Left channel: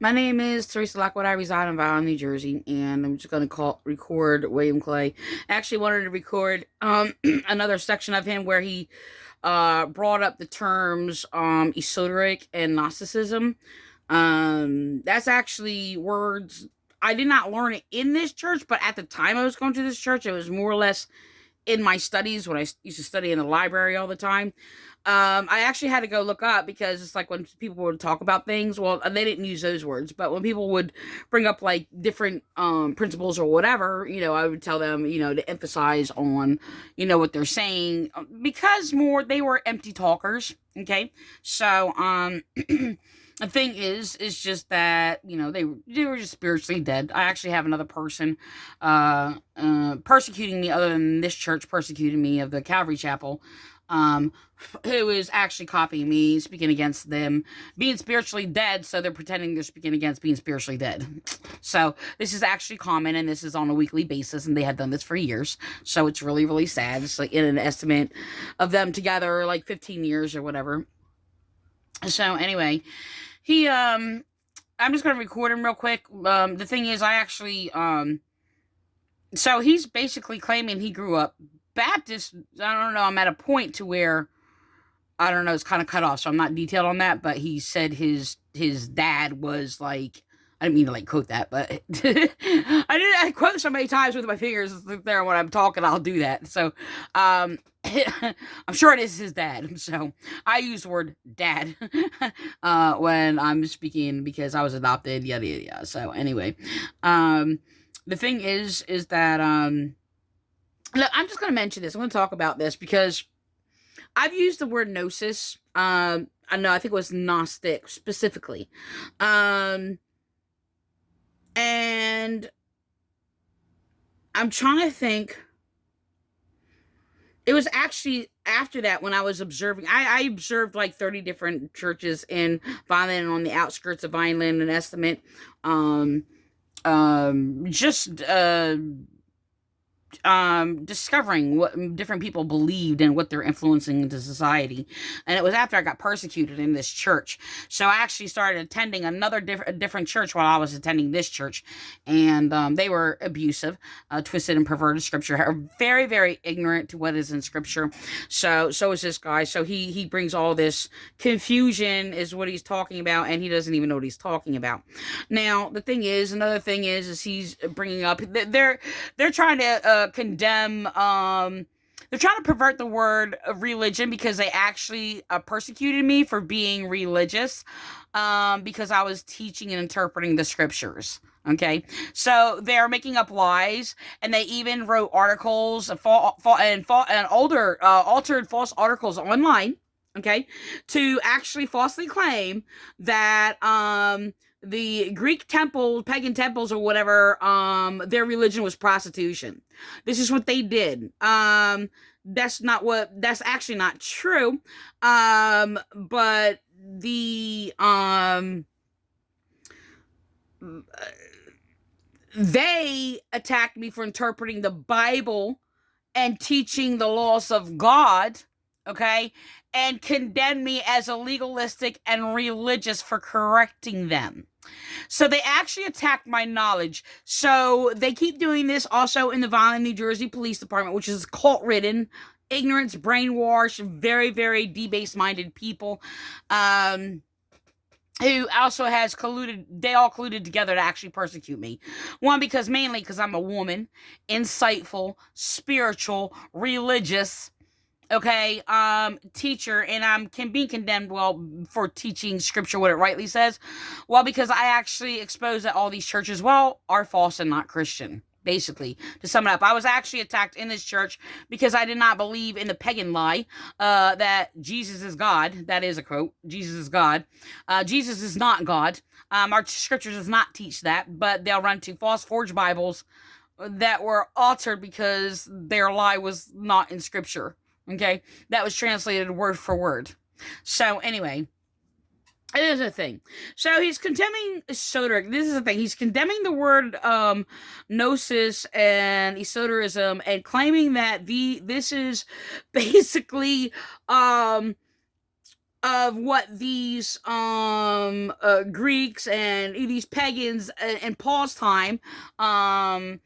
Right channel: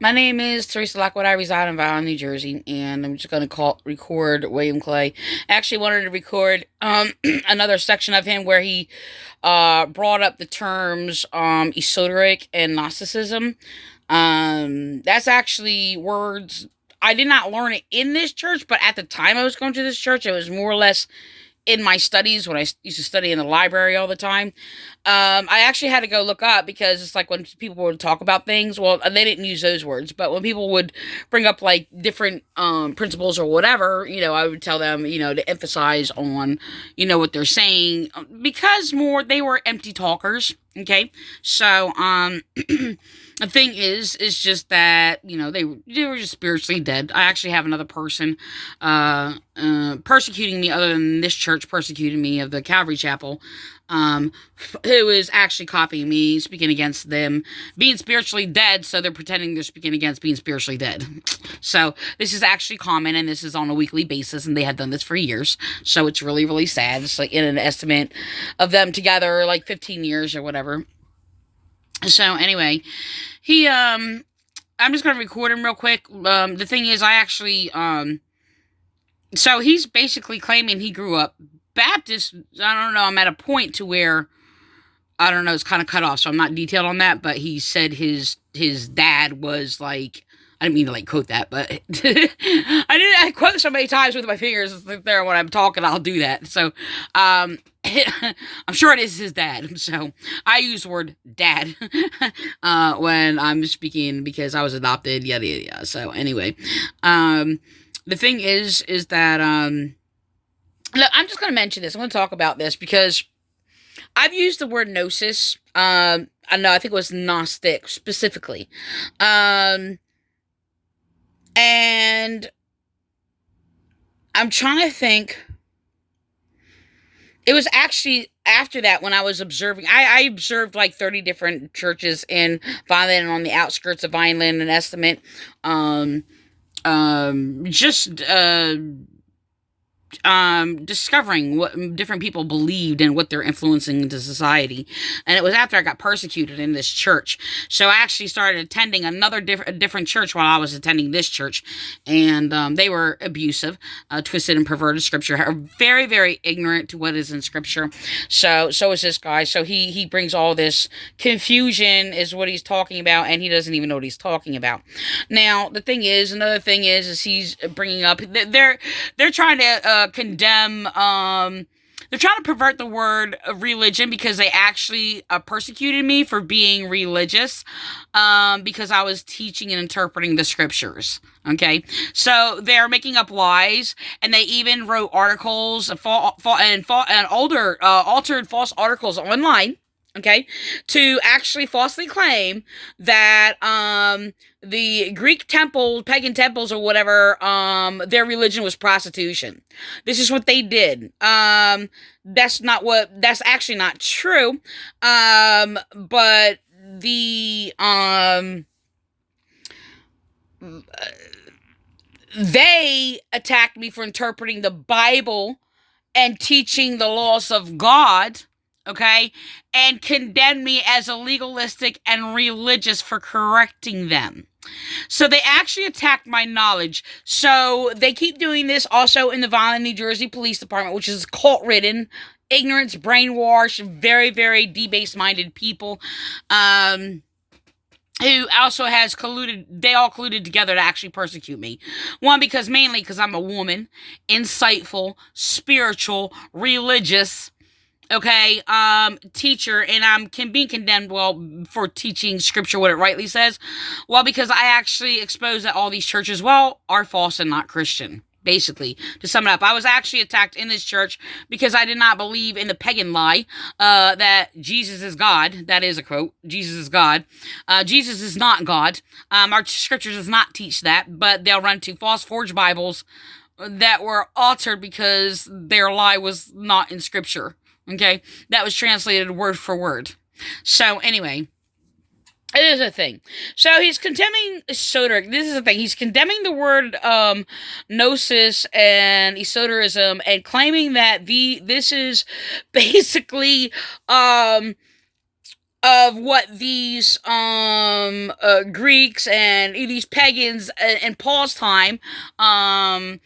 My name is Teresa Lockwood. I reside in Vineland, New Jersey, and I'm just going to record William Clay. I actually wanted to record another section of him where he brought up the terms esoteric and Gnosticism. That's actually words I did not learn it in this church, but at the time I was going to this church, it was more or less in my studies when I used to study in the library all the time. I actually had to go look up because it's like when people would talk about things, well, they didn't use those words, but when people would bring up like different principles or whatever, I would tell them, to emphasize on, what they're saying because more they were empty talkers. Okay. So, the thing is just that they were just spiritually dead. I actually have another person persecuting me, other than this church persecuting me of the Calvary Chapel, um, who is actually copying me, speaking against them being spiritually dead. So they're pretending they're speaking against being spiritually dead. So this is actually common, and this is on a weekly basis, and they have done this for years. So it's really, really sad. It's like in an estimate of them together, like 15 years or whatever. So anyway, he I'm just gonna record him real quick. The thing is, I actually so he's basically claiming he grew up Baptist. I don't know. I'm at a point to where I don't know. It's kind of cut off, so I'm not detailed on that. But he said his dad was like. I didn't mean to like quote that, but I quote so many times with my fingers there when I'm talking. I'll do that. So, I'm sure it is his dad. So I use the word dad when I'm speaking because I was adopted. Yada yada yada. So anyway, um, the thing is that look, I'm just gonna mention this. I'm gonna talk about this because I've used the word gnosis. I know I think it was Gnostic specifically. Um, and I'm trying to think. It was actually after that when I was observing. I observed like 30 different churches in Vineland and on the outskirts of Vineland and Estimate. Um, just discovering what different people believed and what they're influencing into society. And it was after I got persecuted in this church. So I actually started attending a different church while I was attending this church. And they were abusive, twisted and perverted scripture, are very, very ignorant to what is in scripture. So is this guy. So he brings all this confusion is what he's talking about, and he doesn't even know what he's talking about. Now, another thing is he's bringing up, they're trying to condemn they're trying to pervert the word of religion because they actually persecuted me for being religious because I was teaching and interpreting the scriptures. Okay, so they're making up lies, and they even wrote articles and older altered false articles online. Okay, to actually falsely claim that the Greek temple, pagan temples or whatever, their religion was prostitution. This is what they did. That's actually not true. But the, they attacked me for interpreting the Bible and teaching the laws of God, okay, and condemned me as a legalistic and religious for correcting them. So they actually attacked my knowledge. So they keep doing this also in the Vineland, New Jersey Police Department, which is cult ridden, ignorance, brainwashed, very, very debased minded people. Who also has colluded, they all colluded together to actually persecute me. One, mainly because I'm a woman, insightful, spiritual, religious, okay, teacher, and I'm being condemned, well, for teaching scripture what it rightly says. Well, because I actually expose that all these churches, well, are false and not Christian. Basically, to sum it up, I was actually attacked in this church because I did not believe in the pagan lie that Jesus is God. That is a quote. Jesus is God. Jesus is not God. Our scripture does not teach that, but they'll run to false forged Bibles that were altered because their lie was not in scripture. Okay, that was translated word for word. So anyway, it is a thing. So he's condemning esoteric. This is the thing. He's condemning the word gnosis and esotericism and claiming that this is basically of what these Greeks and these pagans in Paul's time of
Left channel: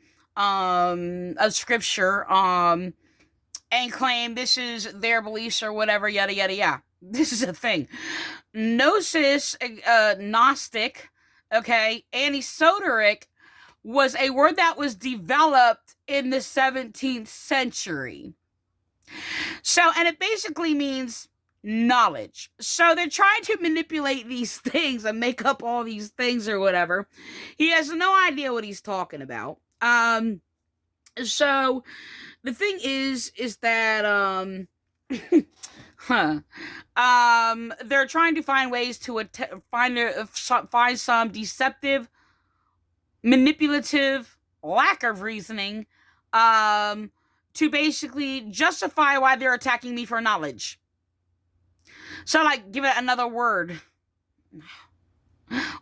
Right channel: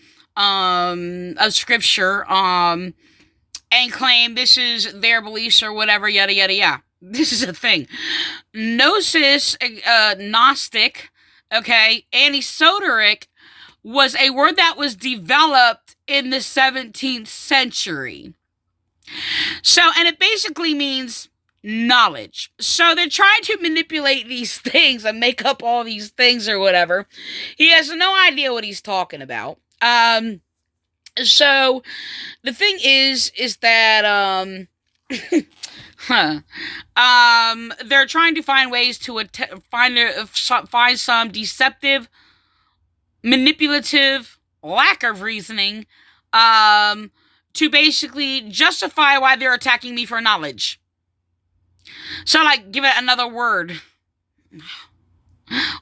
scripture and claim this is their beliefs or whatever, yada yada yada. This is a thing. Gnosis, Gnostic, okay, and esoteric was a word that was developed in the 17th century. So, and it basically means knowledge. So they're trying to manipulate these things and make up all these things or whatever. He has no idea what he's talking about. So the thing is that they're trying to find ways to find some deceptive, manipulative lack of reasoning to basically justify why they're attacking me for knowledge. So, like, give it another word.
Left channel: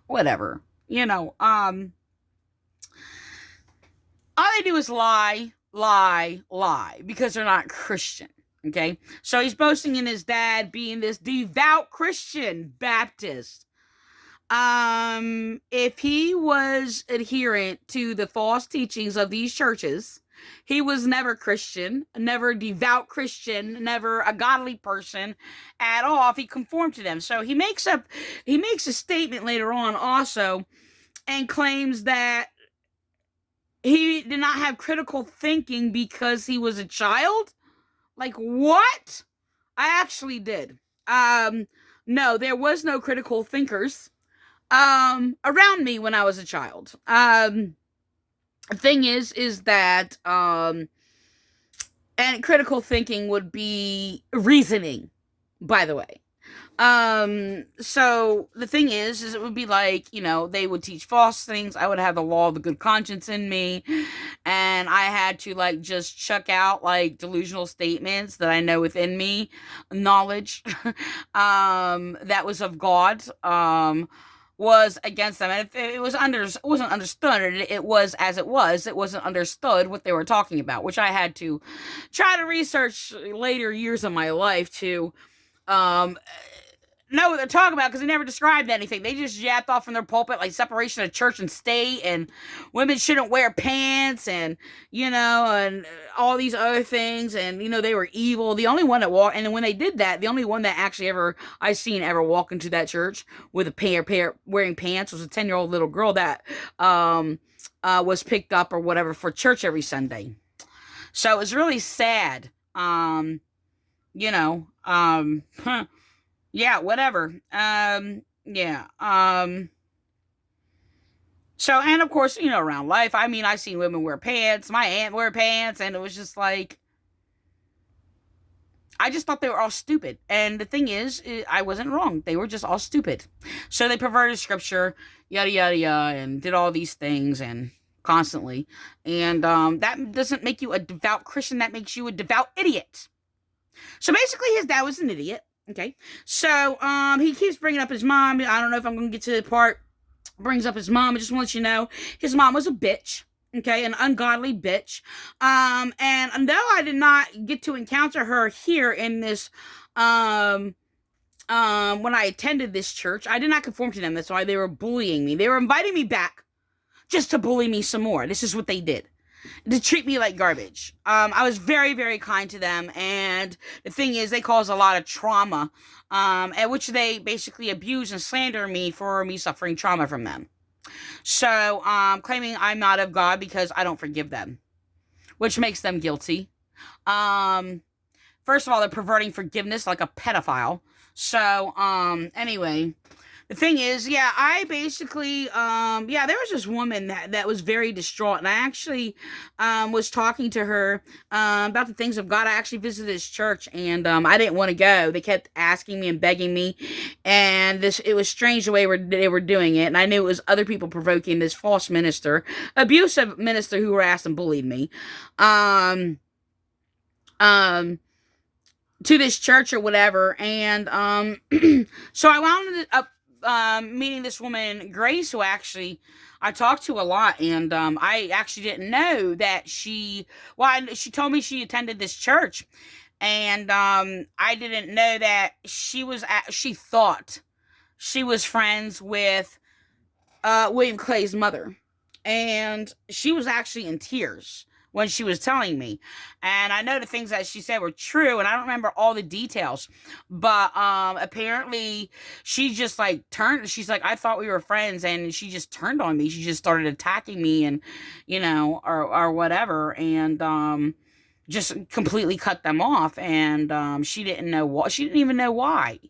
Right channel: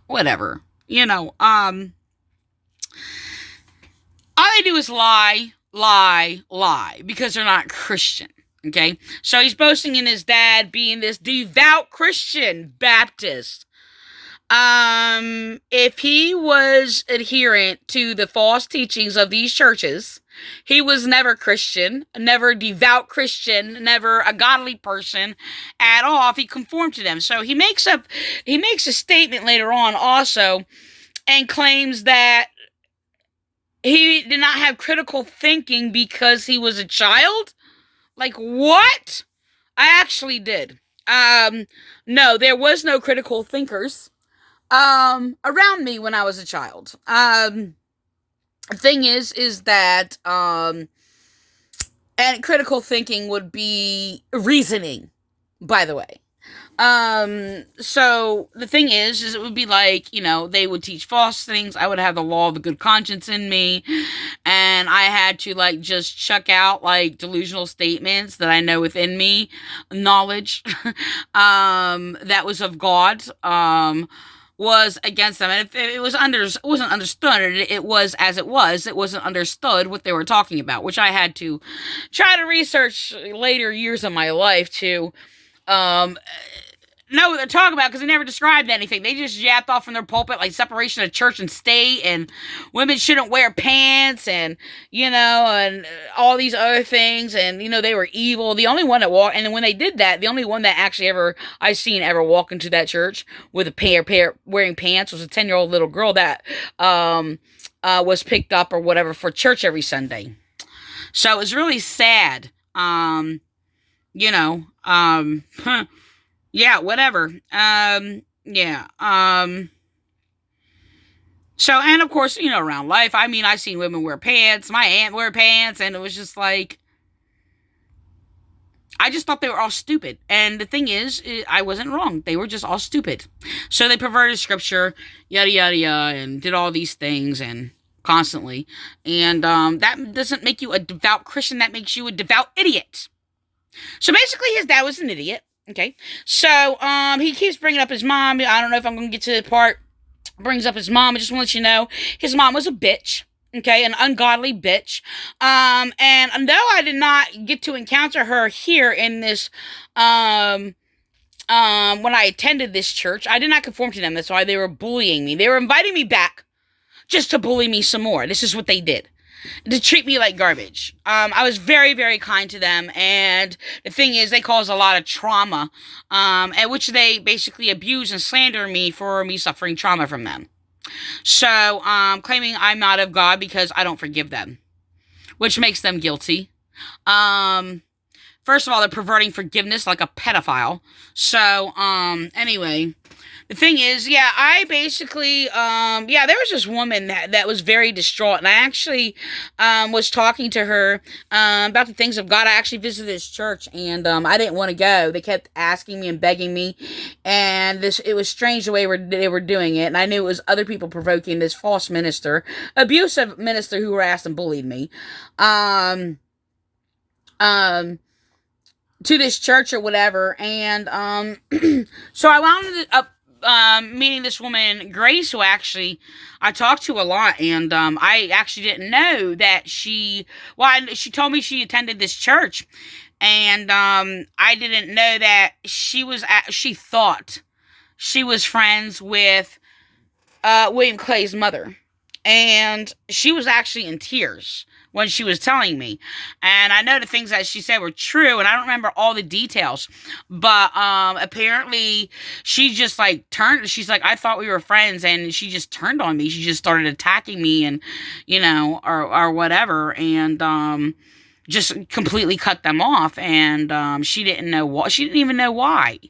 Whatever. All they do is lie, because they're not Christian. Okay? So he's boasting in his dad being this devout Christian Baptist. If he was adherent to the false teachings of these churches, he was never Christian, never devout Christian, never a godly person at all if he conformed to them. So he makes a statement later on also and claims that he did not have critical thinking because he was a child. Like, what? I actually did. No, there was no critical thinkers around me when I was a child. The thing is that, and critical thinking would be reasoning, by the way. So the thing is it would be like, they would teach false things. I would have the law of the good conscience in me, and I had to like just chuck out like delusional statements that I know within me, knowledge, that was of God, was against them. And if it wasn't understood, it was as it was. It wasn't understood what they were talking about, which I had to try to research later years of my life to know what they're talking about, because they never described anything. They just yapped off from their pulpit like separation of church and state, and women shouldn't wear pants, and and all these other things, and they were evil. The only one that walked, and when they did that, the only one that actually ever walk into that church with a pair wearing pants was a 10-year-old little girl that was picked up or whatever for church every Sunday. So it was really sad. Yeah, whatever. Yeah. So, and of course, around life, I mean, I've seen women wear pants. My aunt wear pants, and it was just like, I just thought they were all stupid. And the thing is, I wasn't wrong. They were just all stupid. So they perverted scripture, yada, yada, yada, and did all these things, and constantly. And that doesn't make you a devout Christian. That makes you a devout idiot. So basically, his dad was an idiot. Okay, so he keeps bringing up his mom. I don't know if I'm going to get to the part. Brings up his mom. I just want to let you know, his mom was a bitch. Okay, an ungodly bitch. And though I did not get to encounter her here in this, when I attended this church, I did not conform to them. That's why they were bullying me. They were inviting me back just to bully me some more. This is what they did. To treat me like garbage. I was very, very kind to them, and the thing is, they caused a lot of trauma, at which they basically abuse and slander me for me suffering trauma from them. So, claiming I'm not of God because I don't forgive them, which makes them guilty. First of all, they're perverting forgiveness like a pedophile. So, anyway, the thing is, yeah, I basically, there was this woman that was very distraught, and I actually, was talking to her, about the things of God. I actually visited this church, and, I didn't want to go. They kept asking me and begging me, and it was strange the way they were doing it, and I knew it was other people provoking this false minister, abusive minister who harassed and bullied me, to this church or whatever, and, so I wound up meeting this woman, Grace, who actually I talked to a lot, and I actually didn't know that she told me she attended this church, And I didn't know that she thought she was friends with William Clay's mother. And she was actually in tears when she was telling me. And I know the things that she said were true, and I don't remember all the details. But apparently she just like turned, she's like, I thought we were friends, and she just turned on me. She just started attacking me, and or whatever, and just completely cut them off. And she didn't know what, she didn't even know why.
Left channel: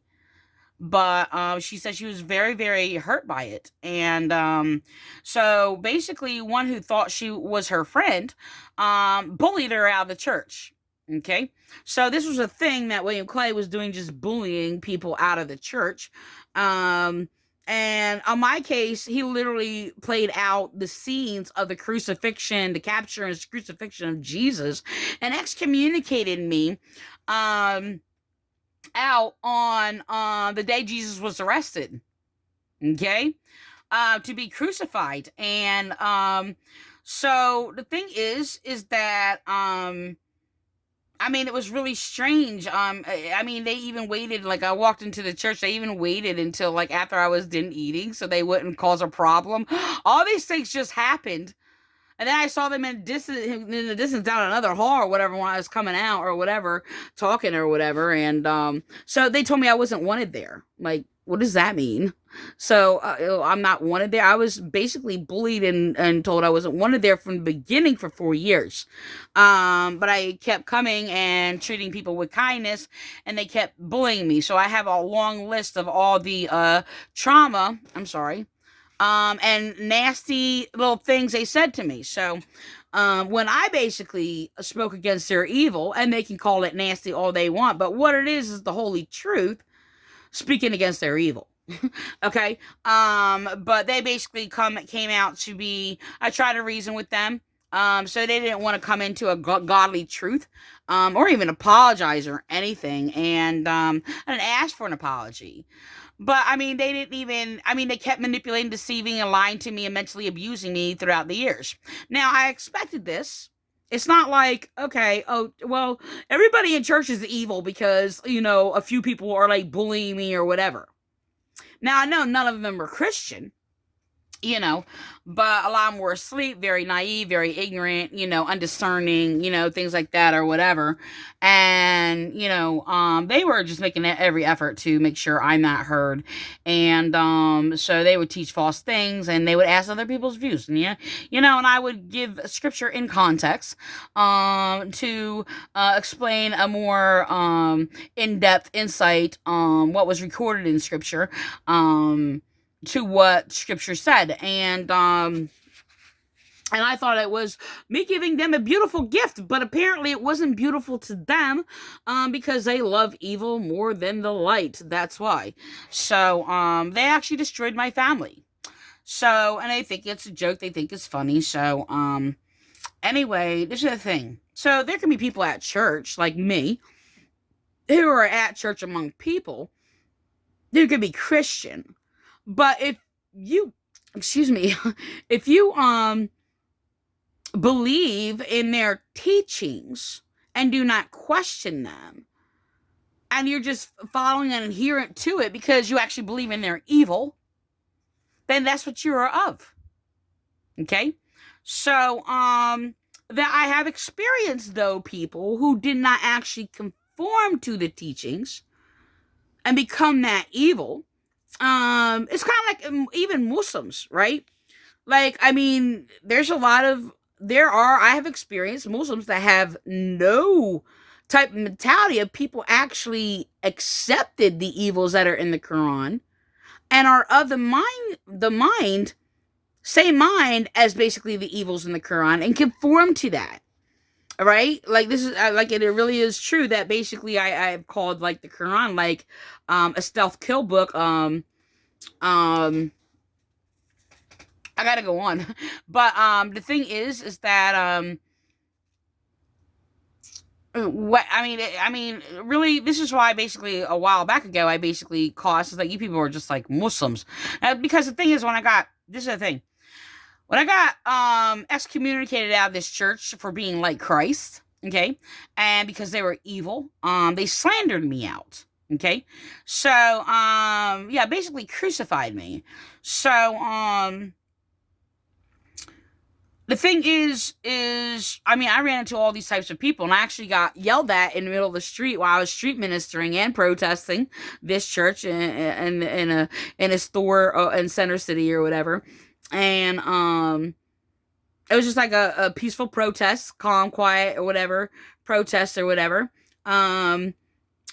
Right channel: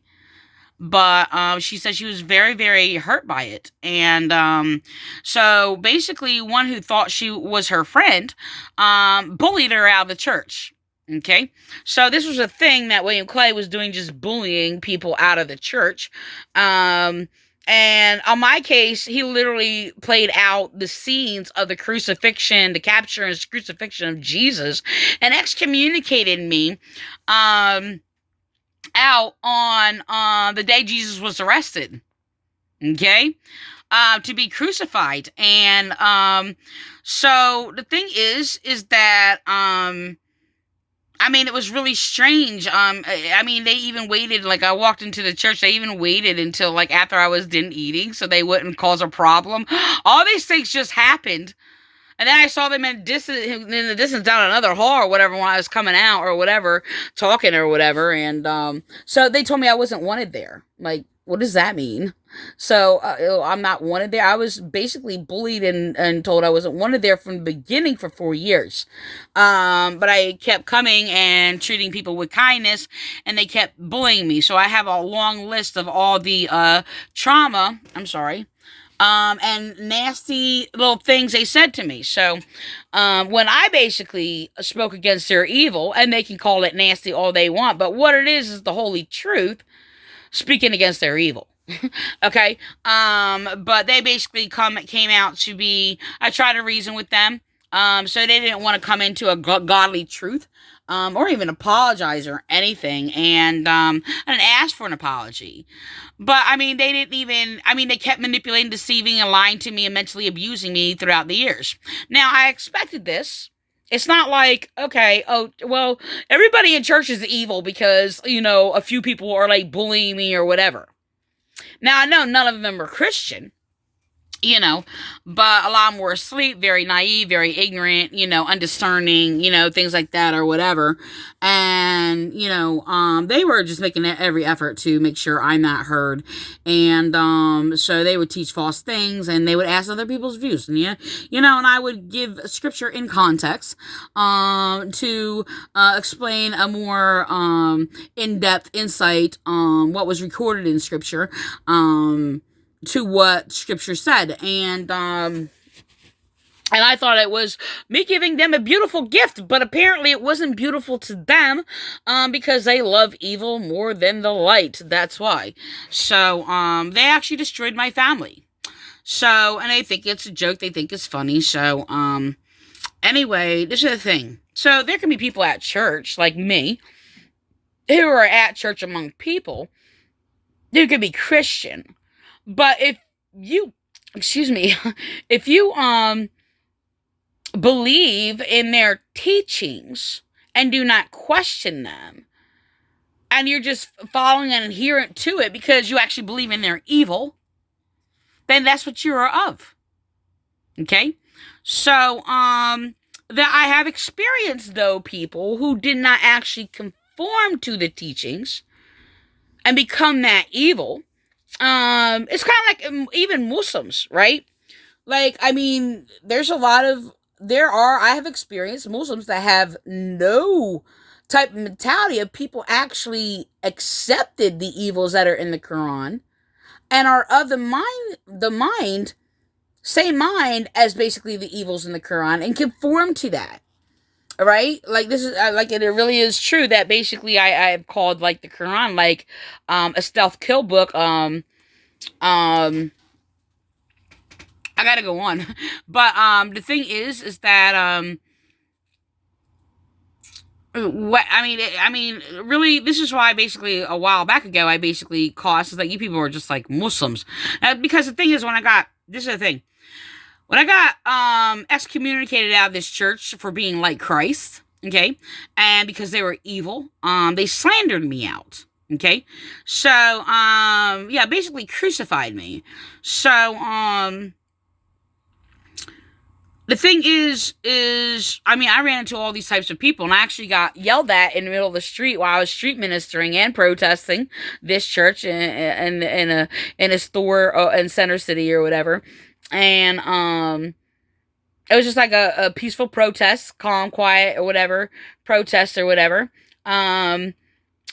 But she said she was very, very hurt by it. And so basically, one who thought she was her friend bullied her out of the church. Okay, so this was a thing that William Clay was doing, just bullying people out of the church. And on my case, he literally played out the scenes of the crucifixion, the capture and crucifixion of Jesus, and excommunicated me. Out on the day Jesus was arrested, okay, to be crucified. And so the thing is that I mean, it was really strange. I mean, they even waited, like, I walked into the church, they even waited until, like, after I was done eating so they wouldn't cause a problem. All these things just happened. And then I saw them in the distance down another hall or whatever when I was coming out or whatever, talking or whatever. And so they told me I wasn't wanted there. Like, what does that mean? So I'm not wanted there. I was basically bullied and told I wasn't wanted there from the beginning for 4 years. But I kept coming and treating people with kindness, and they kept bullying me. So I have a long list of all the trauma. I'm sorry. And nasty little things they said to me. So, when I basically spoke against their evil, and they can call it nasty all they want, but what it is the holy truth, speaking against their evil. Okay? But they basically came out to be, I tried to reason with them. So they didn't want to come into a godly truth, or even apologize or anything. And ask for an apology. But, I mean, they didn't even, I mean, they kept manipulating, deceiving, and lying to me and mentally abusing me throughout the years. Now, I expected this. It's not like, okay, oh, well, everybody in church is evil because, a few people are, like, bullying me or whatever. Now, I know none of them are Christian. But a lot more asleep, very naive, very ignorant, undiscerning, things like that or whatever. And, they were just making every effort to make sure I'm not heard. And, so they would teach false things, and they would ask other people's views. And, and I would give scripture in context, to, explain a more, in-depth insight on what was recorded in scripture, to what scripture said. And I thought it was me giving them a beautiful gift, but apparently it wasn't beautiful to them, because they love evil more than the light. That's why. So, they actually destroyed my family. So, and they think it's a joke. They think it's funny. So, anyway, this is the thing. So there can be people at church, like me, who are at church among people, who could be Christian. But if you, if you, believe in their teachings and do not question them, and you're just following and adherent to it because you actually believe in their evil, then that's what you are of. Okay? So, that I have experienced, though, people who did not actually conform to the teachings and become that evil. It's kind of like even Muslims, right? Like, I mean, I have experienced Muslims that have no type of mentality of people actually accepted the evils that are in the Quran and are of same mind as basically the evils in the Quran and conform to that. Right? Like, this is, like, it really is true that basically I've called, like, the Quran, like, a stealth kill book. I gotta go on. But, the thing is that, really, this is why basically a while back ago, I basically caused that you people are just like Muslims. Because the thing is, this is the thing. When I got excommunicated out of this church for being like Christ, Okay. And because they were evil, they slandered me out. Okay. So, yeah, basically crucified me. So, the thing is, I mean, I ran into all these types of people, and I actually got yelled at in the middle of the street while I was street ministering and protesting this church in a store in Center City or whatever. And it was just like a peaceful protest, calm, quiet, or whatever, protest or whatever. Um,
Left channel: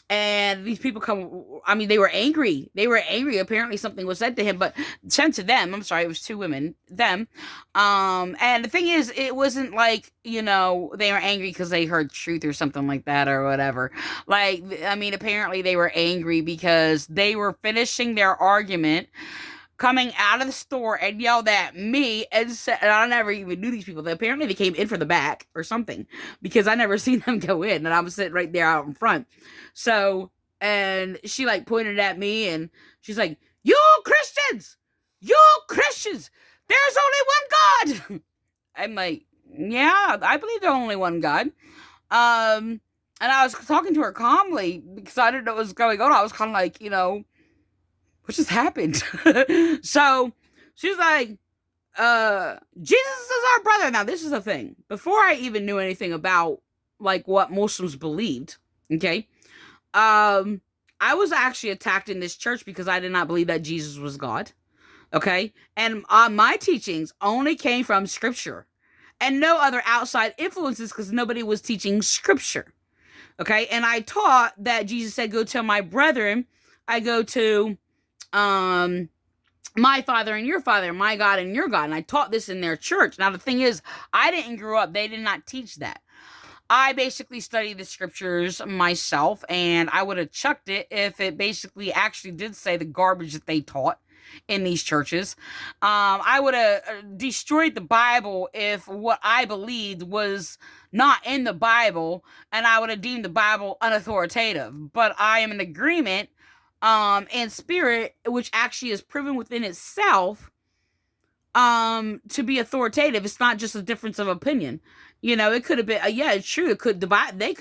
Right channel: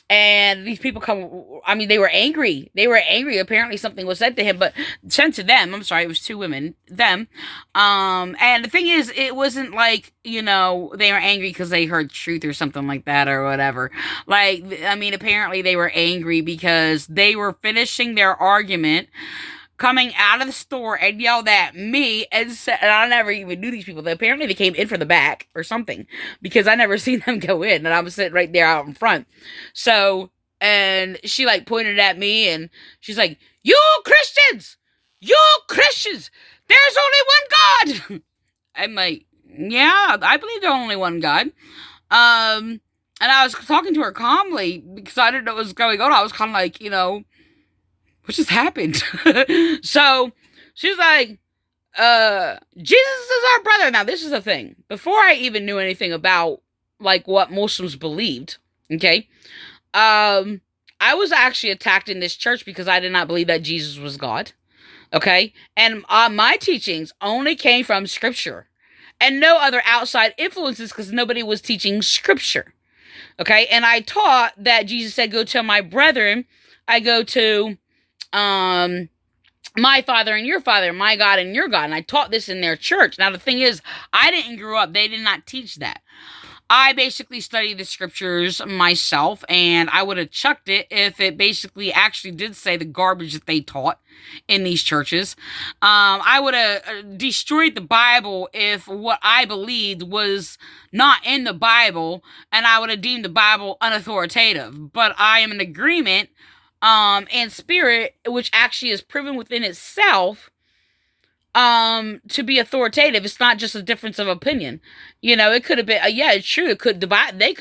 and these people come, I mean, they were angry. They were angry. Apparently something was said to him, but sent to them. I'm sorry, it was two women, them. And the thing is, it wasn't like, they were angry because they heard truth or something like that or whatever. Like, I mean, apparently they were angry because they were finishing their argument, coming out of the store and yelled at me and said, and I never even knew these people. Apparently they came in for the back or something because I never seen them go in, and I was sitting right there out in front. So, and she like pointed at me and she's like, you Christians, there's only one God. I'm like, yeah, I believe there's only one God. And I was talking to her calmly because I didn't know what was going on. I was kind of like, what just happened? So she's like, Jesus is our brother. Now, this is the thing. Before I even knew anything about like what Muslims believed, okay, I was actually attacked in this church because I did not believe that Jesus was God. Okay. And my teachings only came from scripture and no other outside influences because nobody was teaching scripture. Okay. And I taught that Jesus said, go tell my brethren, I go to my father and your father, my God and your God. And I taught this in their church. Now, the thing is, I didn't grow up. They did not teach that. I basically studied the scriptures myself, and I would have chucked it if it basically actually did say the garbage that they taught in these churches. I would have destroyed the Bible if what I believed was not in the Bible, and I would have deemed the Bible unauthoritative. But I am in agreement and spirit, which actually is proven within itself to be authoritative. It's not just a difference of opinion. It could have been, yeah, it's true. They could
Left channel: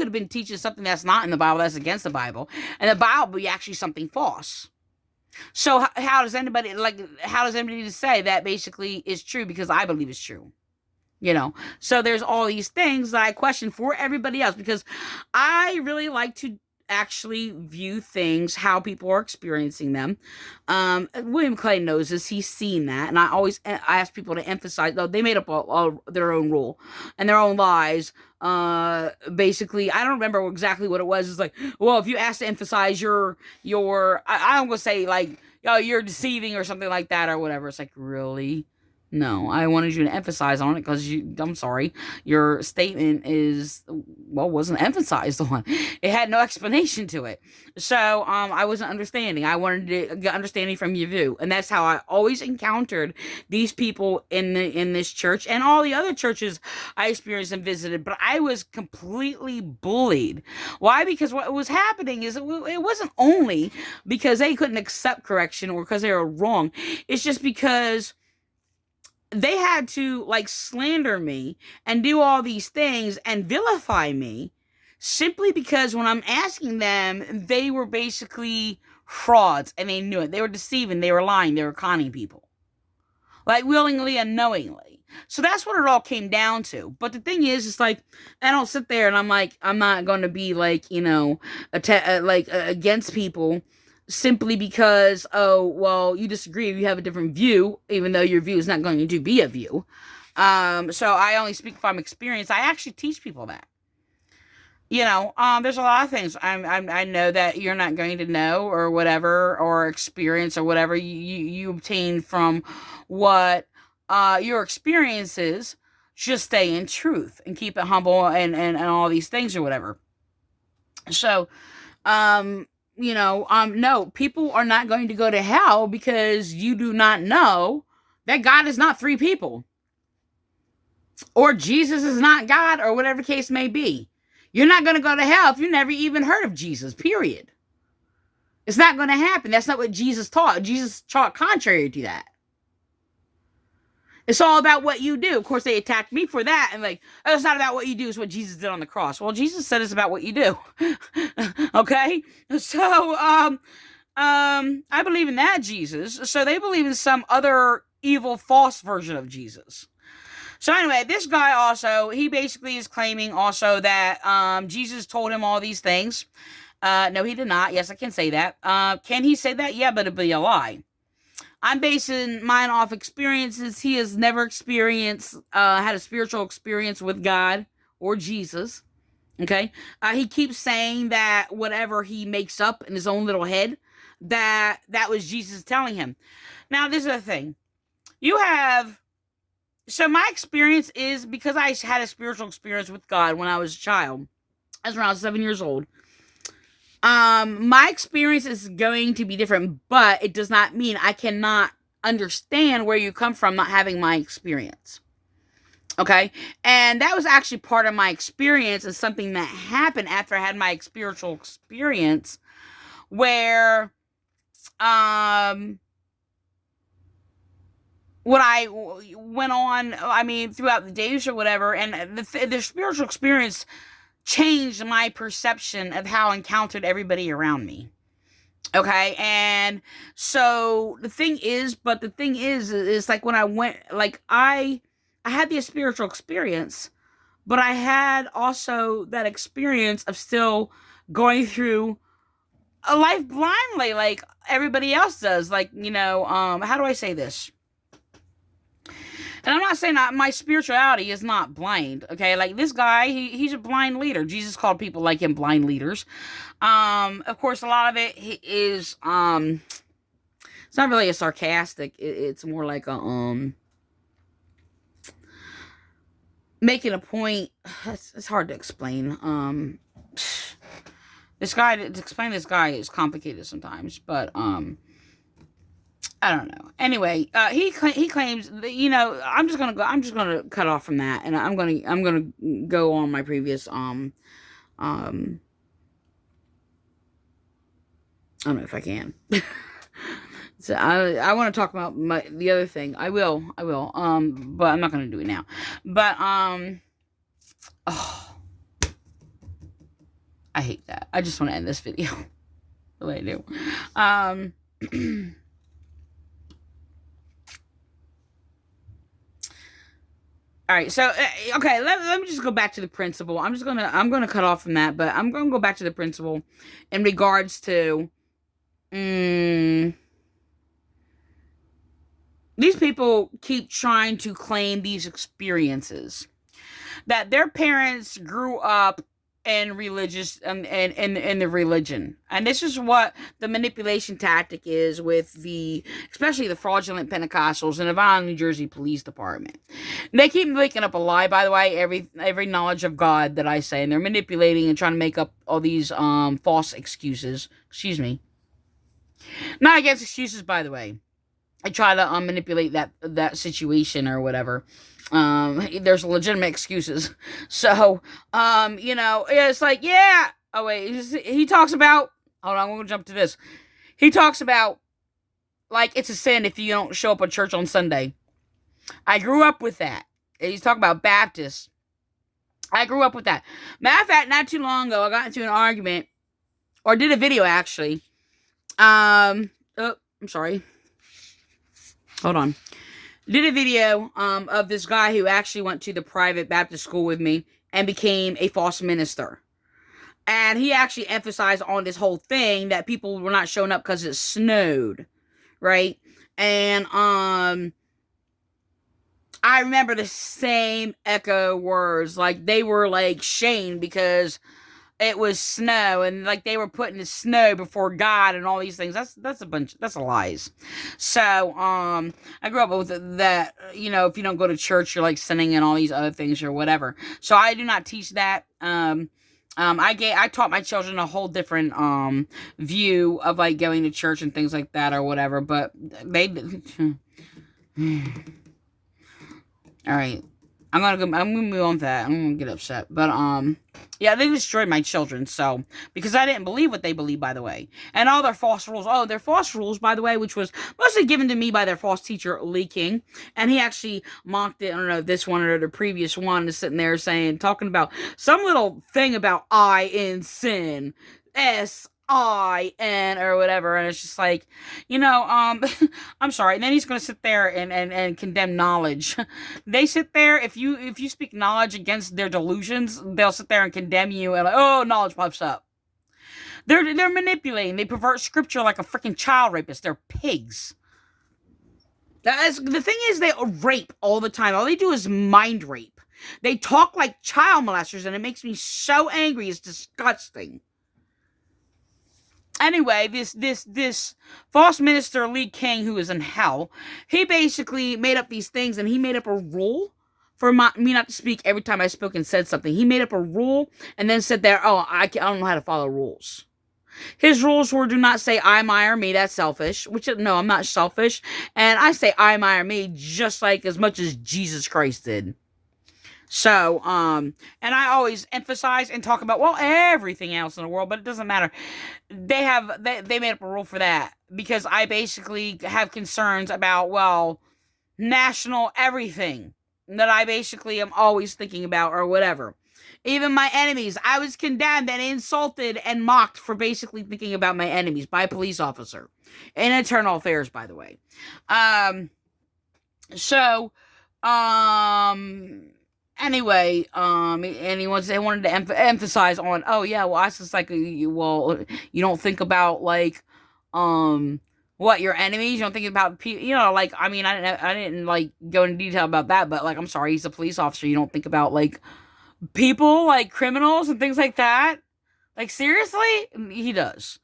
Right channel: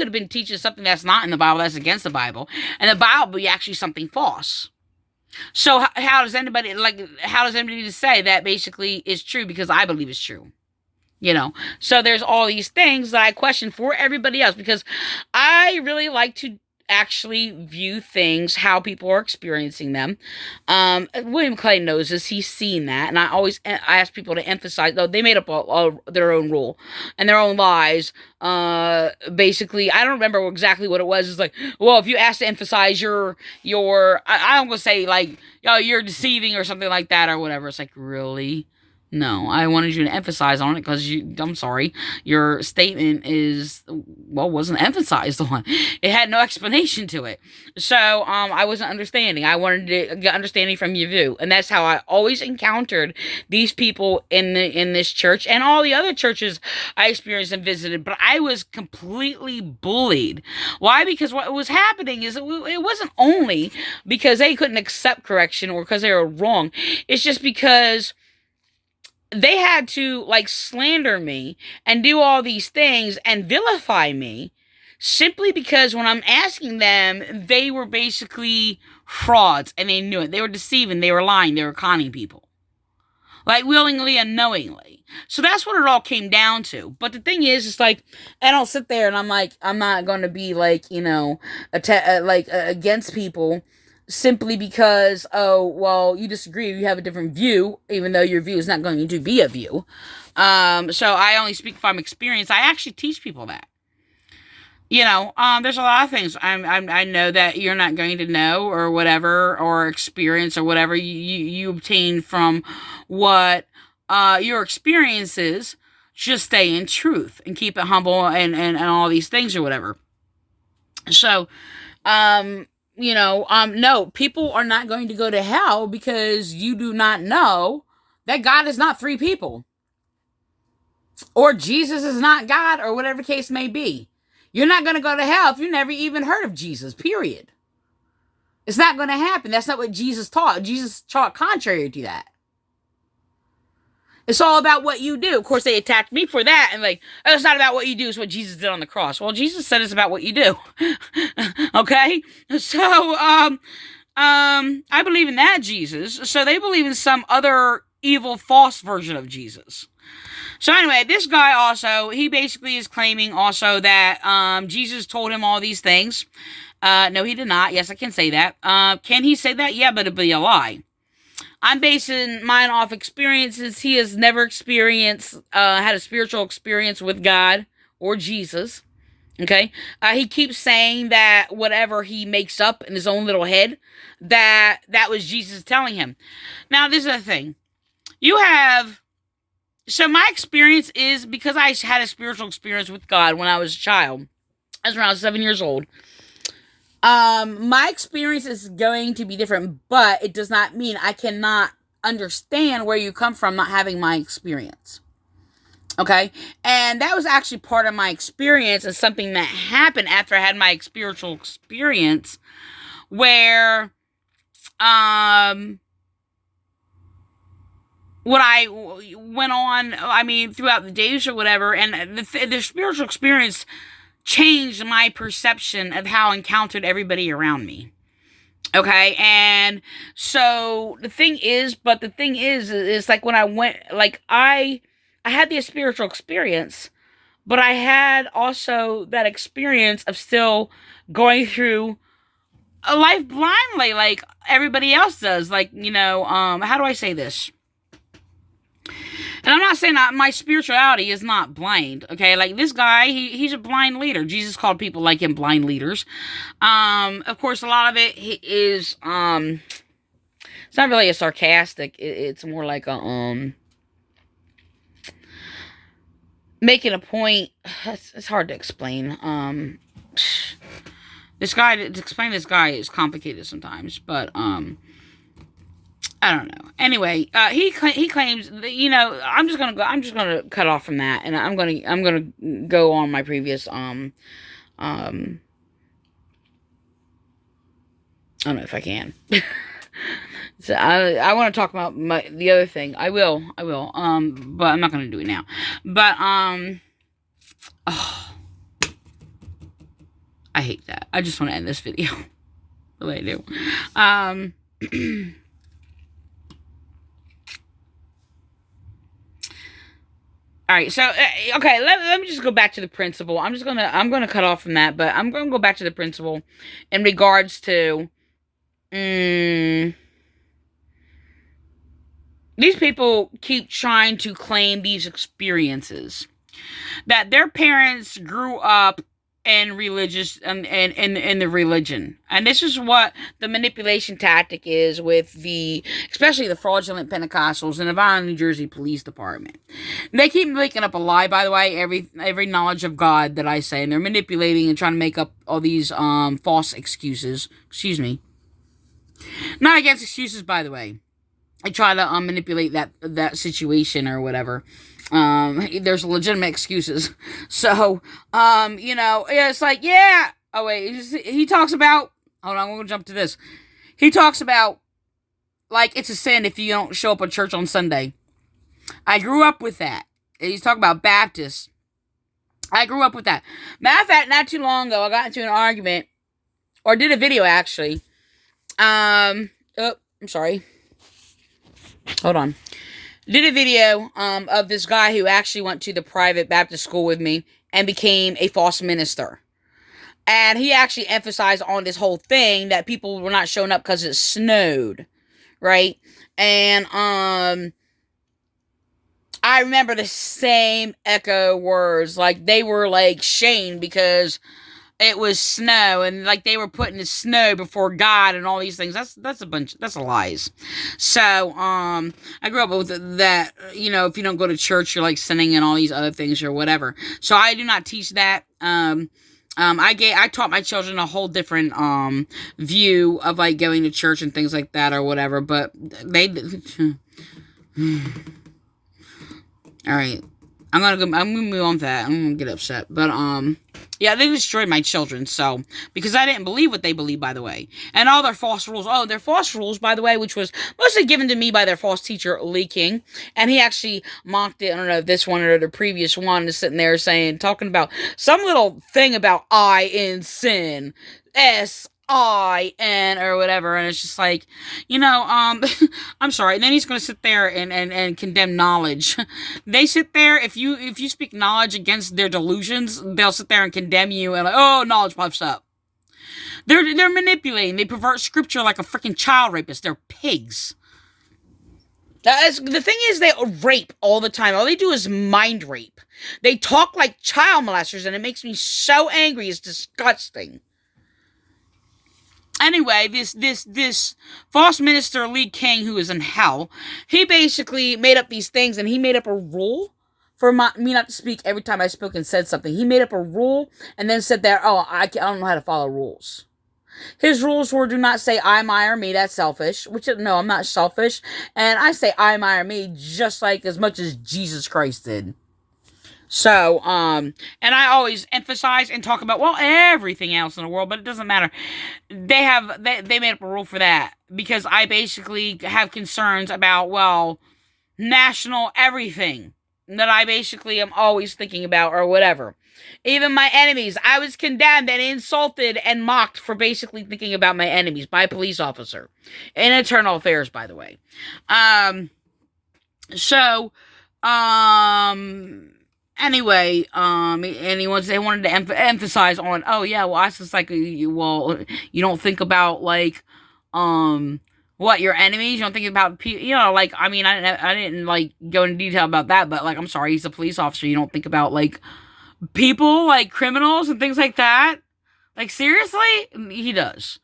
have been teaching something that's not in the Bible, that's against the Bible, and the Bible be actually something false. So how does anybody need to say that basically is true because I believe it's true? So there's all these things that I question for everybody else because I really like to actually view things how people are experiencing them. William Clay knows this. He's seen that, and I ask people to emphasize, though they made up their own rule and their own lies. Basically, I don't remember exactly what it was. It's like, well, if you ask to emphasize your I don't gonna say like, you're deceiving or something like that or whatever. It's like, really? No, I wanted you to emphasize on it because I'm sorry, your statement wasn't emphasized on. It had no explanation to it. So, I wasn't understanding. I wanted to get understanding from your view. And that's how I always encountered these people in this church and all the other churches I experienced and visited. But I was completely bullied. Why? Because what was happening is it wasn't only because they couldn't accept correction or because they were wrong. It's just because they had to like slander me and do all these things and vilify me simply because when I'm asking them, they were basically frauds and they knew it. They were deceiving, they were lying, they were conning people. Like willingly and knowingly. So that's what it all came down to. But the thing is, it's like, I don't sit there and I'm like, I'm not going to be like, against people simply because, oh, well, you disagree, you have a different view, even though your view is not going to be a view. So I only speak from experience. I actually teach people that. There's a lot of things I know that you're not going to know or whatever, or experience or whatever you obtain from what your experiences. Just stay in truth and keep it humble and all these things or whatever. So, no, people are not going to go to hell because you do not know that God is not three people. Or Jesus is not God, or whatever case may be. You're not going to go to hell if you never even heard of Jesus, period. It's not going to happen. That's not what Jesus taught. Jesus taught contrary to that. It's all about what you do. Of course, they attacked me for that. And like, oh, it's not about what you do. It's what Jesus did on the cross. Well, Jesus said it's about what you do. Okay. So, I believe in that Jesus. So they believe in some other evil, false version of Jesus. So anyway, this guy also, he basically is claiming also that, Jesus told him all these things. No, he did not. Yes, I can say that. Can he say that? Yeah, but it'd be a lie. I'm basing mine off experiences. He has never had a spiritual experience with God or Jesus. Okay. He keeps saying that whatever he makes up in his own little head, that was Jesus telling him. Now, this is the thing. So my experience is because I had a spiritual experience with God when I was a child. I was around 7 years old. My experience is going to be different, but it does not mean I cannot understand where you come from not having my experience. Okay? And that was actually part of my experience and something that happened after I had my spiritual experience where, what I went on, throughout the days or whatever, and the spiritual experience changed my perception of how I encountered everybody around me. Okay, and so the thing is like when I went, like I had the spiritual experience, but I had also that experience of still going through a life blindly, like everybody else does. Like, how do I say this? And I'm not saying that my spirituality is not blind, okay? Like, this guy, he's a blind leader. Jesus called people like him blind leaders. Of course, a lot of it is, it's not really a sarcastic. It's more like a, making a point. It's hard to explain. To explain this guy is complicated sometimes, but, I don't know. Anyway, he claims that, I'm just gonna cut off from that, and I'm gonna go on my previous I don't know if I can. So I want to talk about the other thing. I will. But I'm not gonna do it now. But oh, I hate that. I just want to end this video. Really I do. All right, so okay, let me just go back to the principle. I'm gonna cut off from that, but I'm gonna go back to the principle in regards to these people keep trying to claim these experiences that their parents grew up in religious in the religion, and this is what the manipulation tactic is with especially the fraudulent Pentecostals and the Vineland, New Jersey Police Department. And they keep making up a lie, by the way, every knowledge of God that I say, and they're manipulating and trying to make up all these false excuses. Excuse me. Not against excuses, by the way. I try to manipulate that situation or whatever. There's legitimate excuses. So, it's like, yeah. Oh, wait. He talks about, hold on, I'm going to jump to this. He talks about, like, it's a sin if you don't show up at church on Sunday. I grew up with that. He's talking about Baptists. I grew up with that. Matter of fact, not too long ago, I got into an argument, or did a video, actually. I'm sorry. Hold on. Did a video of this guy who actually went to the private Baptist school with me and became a false minister. And he actually emphasized on this whole thing that people were not showing up because it snowed, right? And I remember the same echo words. Like, they were like shamed because it was snow, and like they were putting the snow before God and all these things. That's a lies. So, I grew up with that, if you don't go to church, you're like sinning and all these other things or whatever. So I do not teach that. I taught my children a whole different, view of like going to church and things like that or whatever, but they, all right. I'm gonna move on to that. I'm gonna get upset, but, Yeah, they destroyed my children, so, because I didn't believe what they believed, by the way. And all their false rules. Oh, their false rules, by the way, which was mostly given to me by their false teacher, Lee King. And he actually mocked it. I don't know if this one or the previous one is sitting there talking about some little thing about I in sin. SIN or whatever, and it's just like, I'm sorry. And then he's going to sit there and condemn knowledge. They sit there, if you speak knowledge against their delusions, they'll sit there and condemn you and like, oh, knowledge puffs up. They're manipulating. They pervert scripture like a freaking child rapist. They're pigs. The thing is, they rape all the time. All they do is mind rape. They talk like child molesters, and it makes me so angry. It's disgusting. Anyway, this false minister, Lee King, who is in hell, he basically made up these things, and he made up a rule for me not to speak every time I spoke and said something. He made up a rule, and then said there, oh, I don't know how to follow rules. His rules were, do not say I, my, or me. That's selfish. No, I'm not selfish. And I say I, my, or me just like as much as Jesus Christ did. So, and I always emphasize and talk about, well, everything else in the world, but it doesn't matter. They made up a rule for that, because I basically have concerns about, well, national everything that I basically am always thinking about or whatever. Even my enemies, I was condemned and insulted and mocked for basically thinking about my enemies by a police officer in internal affairs, by the way. Anyway, and they wanted to emphasize on, oh yeah, well, I just like, well, you don't think about like, what, your enemies? You don't think about people, like, I mean, I didn't like go into detail about that, but like, I'm sorry, he's a police officer. You don't think about like people, like criminals and things like that. Like, seriously? He does.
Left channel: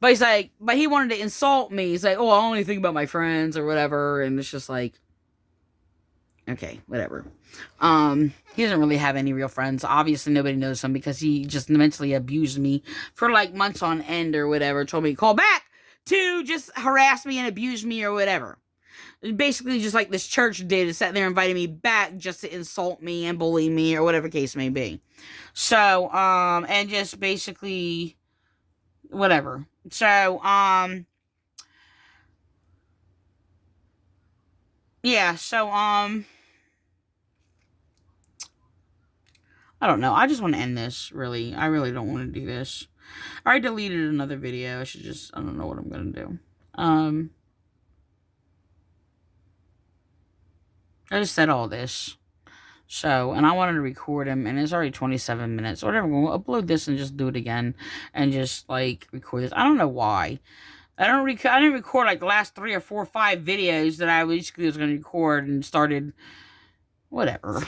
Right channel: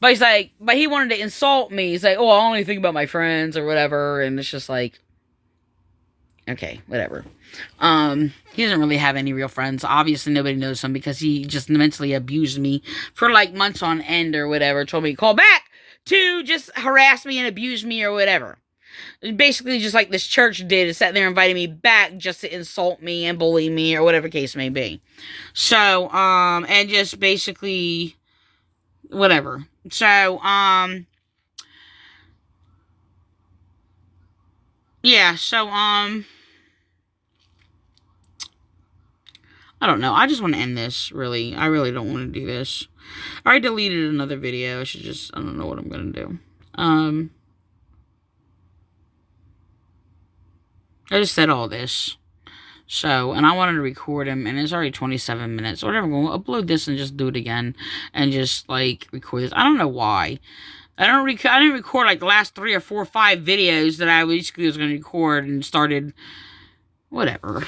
But he's like, but he wanted to insult me. He's like, oh, I only think about my friends or whatever. And it's just like, okay, whatever. He doesn't really have any real friends. Obviously, nobody knows him because he just mentally abused me for like months on end or whatever. Told me to call back to just harass me and abuse me or whatever. Basically, just like this church did, is sat there inviting me back just to insult me and bully me or whatever case may be. So, and just basically, whatever. So, yeah, so, I don't know. I just want to end this, really. I really don't want to do this. I deleted another video. I don't know what I'm going to do. I just said all this. So, and I wanted to record him, and it's already 27 minutes. Or whatever. We'll upload this and just do it again. And just, like, record this. I don't know why. I didn't record, like, the last 3 or 4 or 5 videos that I basically was going to record and started. Whatever.